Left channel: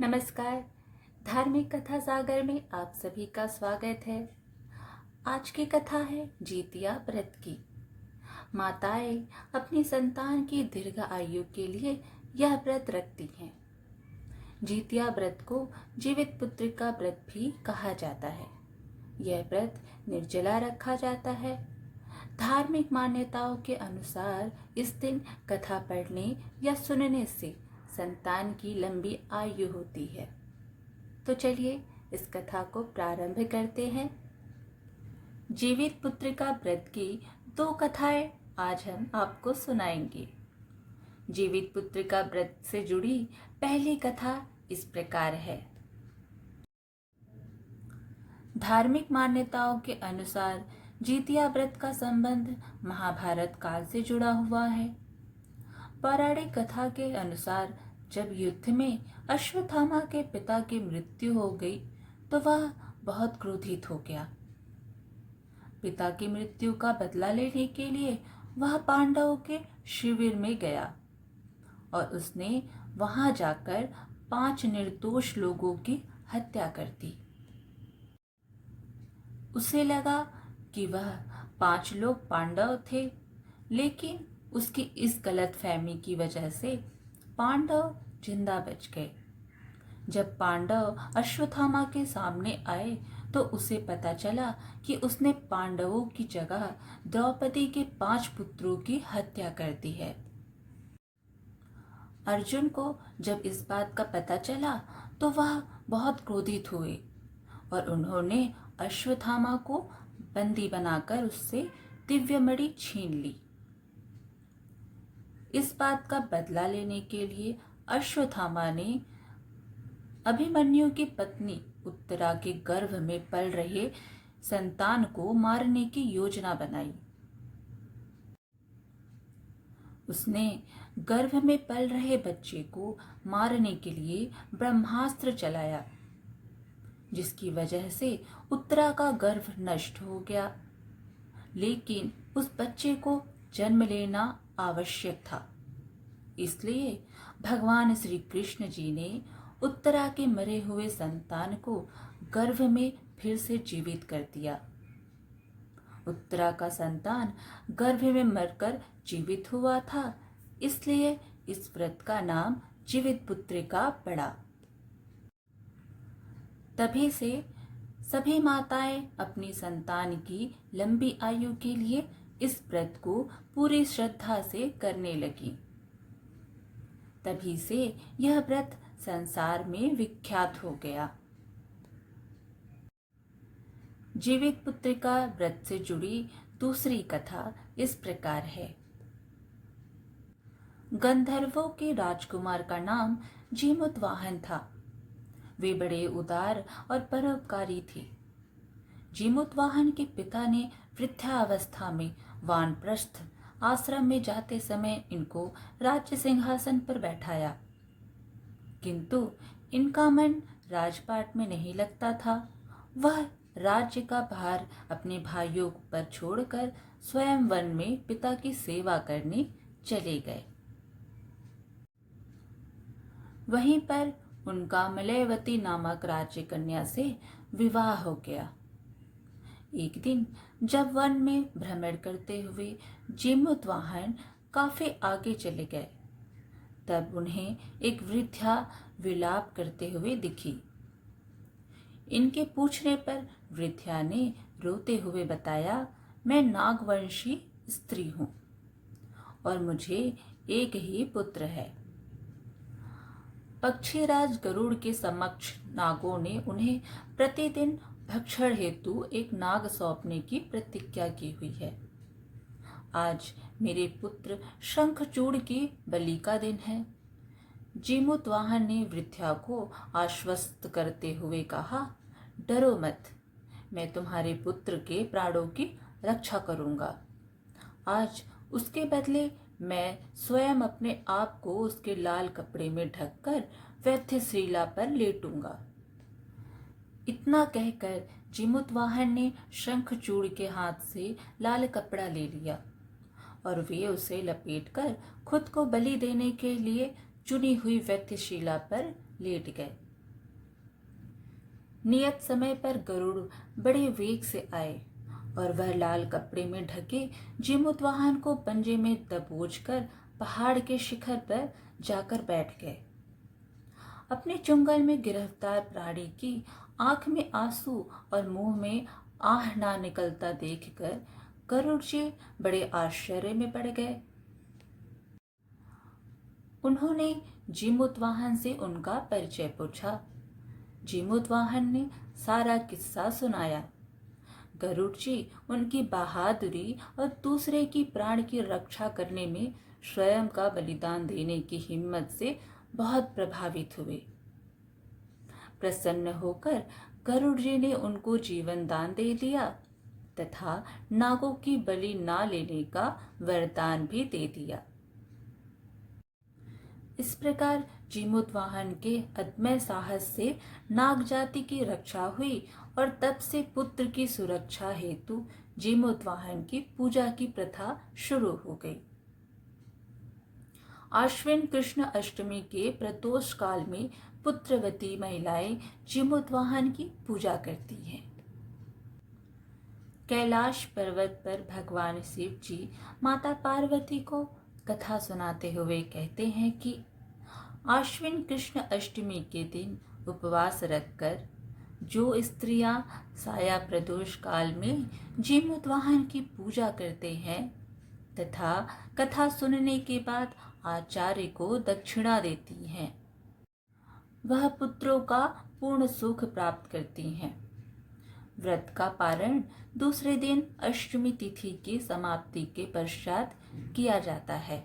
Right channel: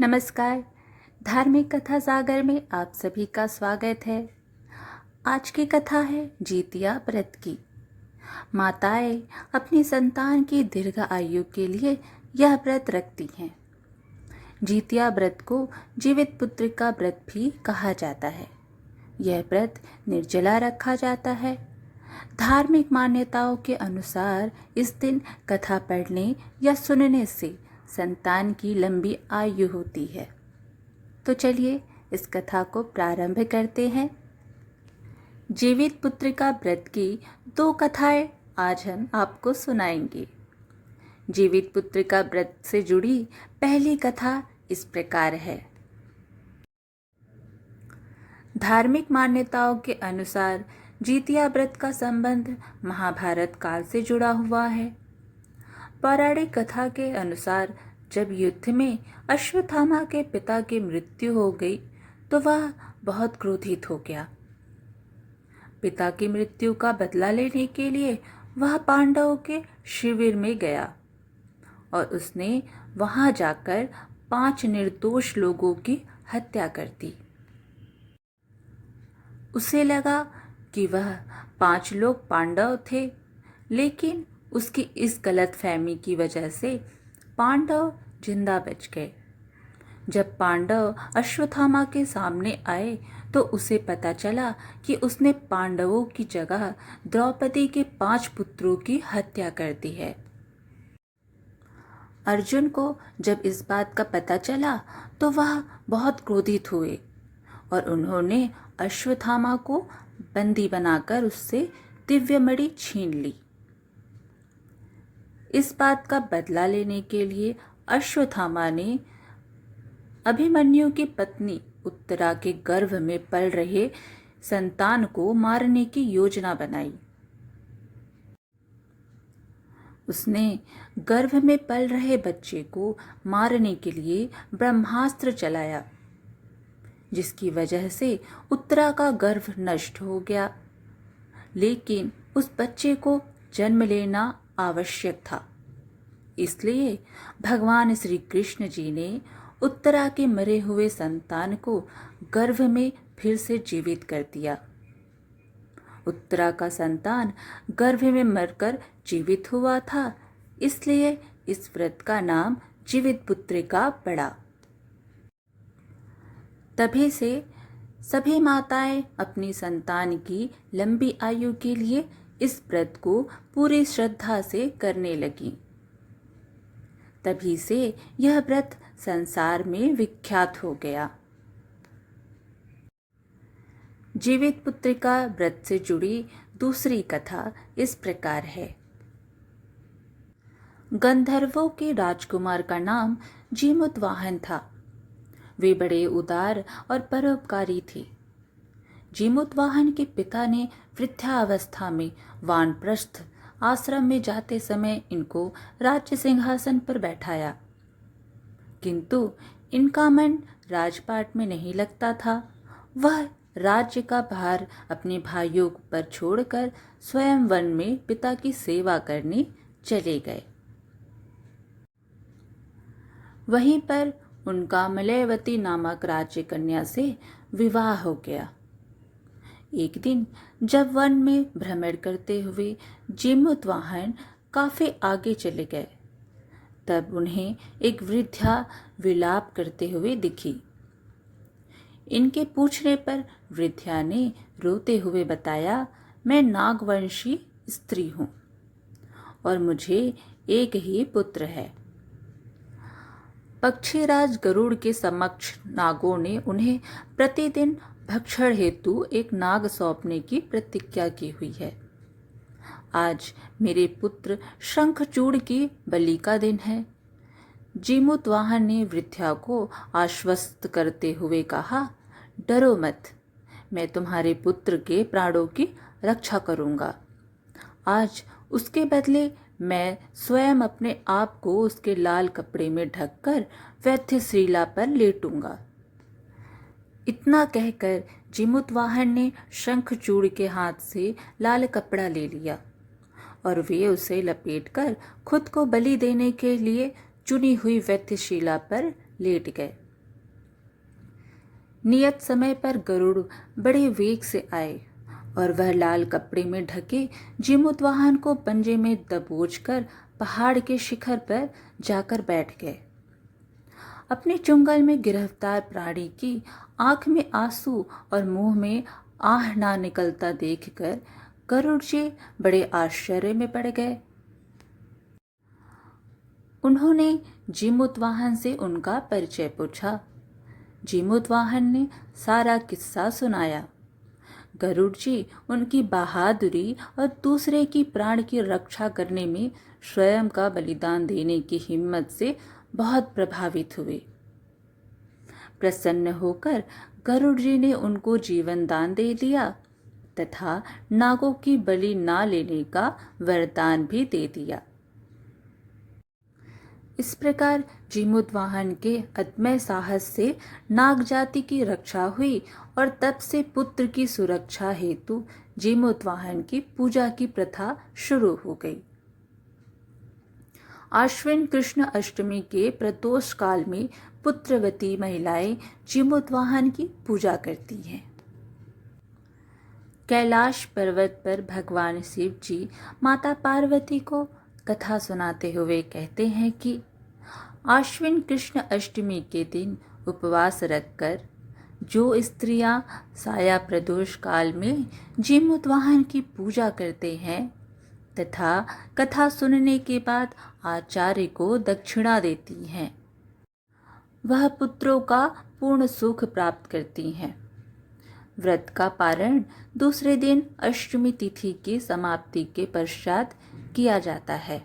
नमस्कार। धार्मिक कथा सागर में आप सभी का स्वागत है। आज की कथा है जीतिया व्रत की। माताएं अपनी संतान की दीर्घ आयु के लिए यह व्रत रखती हैं। जीतिया व्रत को जीवित पुत्र का व्रत भी कहा जाता है। यह व्रत निर्जला रखा जाता है। धार्मिक मान्यताओं के अनुसार इस दिन कथा पढ़ने या सुनने से संतान की लंबी आयु होती है। तो चलिए इस कथा को प्रारंभ करते हैं। जीवित पुत्र का व्रत की 2 कथाएं आज हम आपको सुनाएंगे। जीवित पुत्र का व्रत से जुड़ी पहली कथा इस प्रकार है। धार्मिक मान्यताओं के अनुसार जीतिया व्रत का संबंध महाभारत काल से जुड़ा हुआ है। पौराणिक कथा के अनुसार जब युद्ध में अश्वत्थामा के पिता की मृत्यु हो गई तो वह बहुत क्रोधित हो गया। पिता की मृत्यु का बदला लेने के लिए वह पांडवों के शिविर में गया और उसने वहां जाकर 5 निर्दोष लोगों की हत्या कर दी। उसे लगा कि वह 5 लोग पांडव थे, लेकिन उसकी इस गलतफहमी की वजह से पांडव जिंदा बच गए। जब पांडव अश्वत्थामा के सामने आए तो उसे पता चला कि उसने पांडवों की जगह द्रौपदी के 5 पुत्रों की हत्या कर दी है। अर्जुन को जब इस बात का पता चला तो वह बहुत क्रोधित हुए और उन्होंने अश्वत्थामा को बंदी बनाकर उससे दिव्यमणि छीन ली। इस बात का बदला लेने के लिए अश्वत्थामा ने अभिमन्यु की पत्नी उत्तरा के गर्भ में पल रहे संतान को मारने की योजना बनाई। उसने गर्भ में पल रहे बच्चे को मारने के लिए ब्रह्मास्त्र चलाया, जिसकी वजह से उत्तरा का गर्भ नष्ट हो गया। लेकिन उस बच्चे को जन्म लेना आवश्यक था, इसलिए भगवान श्री कृष्ण जी ने उत्तरा के मरे हुए संतान को गर्भ में फिर से जीवित कर दिया। उत्तरा का संतान गर्भ में मरकर जीवित हुआ था, इसलिए इस व्रत का नाम जीवित पुत्र का पड़ा। तभी से सभी माताएं अपनी संतान की लंबी आयु के लिए इस व्रत को पूरी श्रद्धा से करने लगी। तभी से यह व्रत संसार में विख्यात हो गया। जीवित पुत्र का व्रत से जुड़ी दूसरी कथा इस प्रकार है। गंधर्वों के राजकुमार का नाम जीमूतवाहन था। वे बड़े उदार और परोपकारी थे। जीमूतवाहन के पिता ने वृद्धावस्था में वानप्रस्थ आश्रम में जाते समय इनको राज्य सिंहासन पर बैठाया, किंतु इनका मन राजपाट में नहीं लगता था। वह राज्य का भार अपने भाइयों पर छोड़कर स्वयं वन में पिता की सेवा करने चले गए। वहीं पर उनका मलयवती नामक राज्य कन्या से विवाह हो गया। एक दिन जब वन में भ्रमण करते हुए जीमूतवाहन काफी आगे चले गए, तब उन्हें एक वृद्धा विलाप करते हुए दिखी। इनके पूछने पर वृद्धा ने रोते हुए बताया, मैं नागवंशी स्त्री हूं और मुझे एक ही पुत्र है। पक्षीराज गरुड़ के समक्ष नागों ने उन्हें प्रतिदिन भक्षण हेतु एक नाग सौंपने की प्रतिज्ञा की हुई है। आज मेरे पुत्र शंखचूड़ की बलि का दिन है। जीमूतवाहन ने वृद्धा को आश्वस्त करते हुए कहा, डरो मत, मैं तुम्हारे पुत्र के प्राणों की रक्षा करूंगा। आज उसके बदले मैं स्वयं अपने आप को उसके लाल कपड़े में ढककर वैद्यशिला पर लेटूंगा। इतना कहकर जीमूतवाहन ने शंखचूड़ के हाथ से लाल कपड़ा ले लिया और वे उसे लपेटकर खुद को बलि देने के लिए चुनी हुई वैद्यशिला पर लेट गए। नियत समय पर गरुड़ बड़े वेग से आए और वह लाल कपड़े में ढके जीमूतवाहन को पंजे में दबोचकर पहाड़ के शिखर पर जाकर बैठ गए। अपने चुंगल में गिरफ्तार प्राणी की आंख में आंसू और मुंह में आह ना निकलता देखकर गरुड़ जी बड़े आश्चर्य में पड़ गए। उन्होंने जीमूतवाहन से उनका परिचय पूछा। जीमूतवाहन ने सारा किस्सा सुनाया। गरुड़ जी उनकी बहादुरी और दूसरे की प्राण की रक्षा करने में स्वयं का बलिदान देने की हिम्मत से बहुत प्रभावित हुए। प्रसन्न होकर गरुड़ जी ने उनको जीवन दान दे दिया तथा नागों की बलि ना लेने का वरदान भी दे दिया। इस प्रकार जीमूतवाहन के अदम्य साहस से नाग जाति की रक्षा हुई और तब से पुत्र की सुरक्षा हेतु जीमूतवाहन की पूजा की प्रथा शुरू हो गई। आश्विन कृष्ण अष्टमी के प्रदोष काल में पुत्रवती महिलाएं जीमूतवाहन की पूजा करती हैं। कैलाश पर्वत पर भगवान शिव जी माता पार्वती को कथा सुनाते हुए कहते हैं कि आश्विन कृष्ण अष्टमी के दिन उपवास रखकर जो स्त्रियां साया प्रदोष काल में जीमूतवाहन की पूजा करते हैं तथा कथा सुनने के बाद आचार्य को दक्षिणा देती हैं, वह पुत्रों का पूर्ण सुख प्राप्त करती हैं। व्रत का पारण दूसरे दिन अष्टमी तिथि की समाप्ति के पश्चात किया जाता है।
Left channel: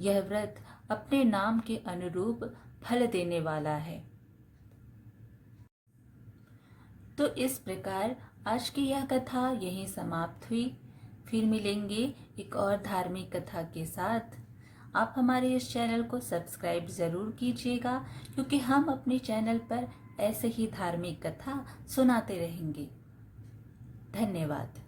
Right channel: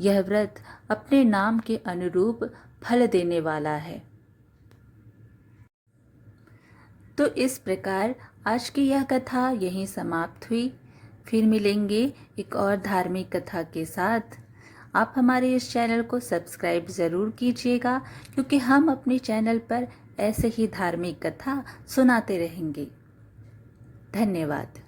यह व्रत अपने नाम के अनुरूप फल देने वाला है। तो इस प्रकार आज की यह कथा यहीं समाप्त हुई। फिर मिलेंगे एक और धार्मिक कथा के साथ। आप हमारे इस चैनल को सब्सक्राइब ज़रूर कीजिएगा, क्योंकि हम अपने चैनल पर ऐसे ही धार्मिक कथा सुनाते रहेंगे। धन्यवाद।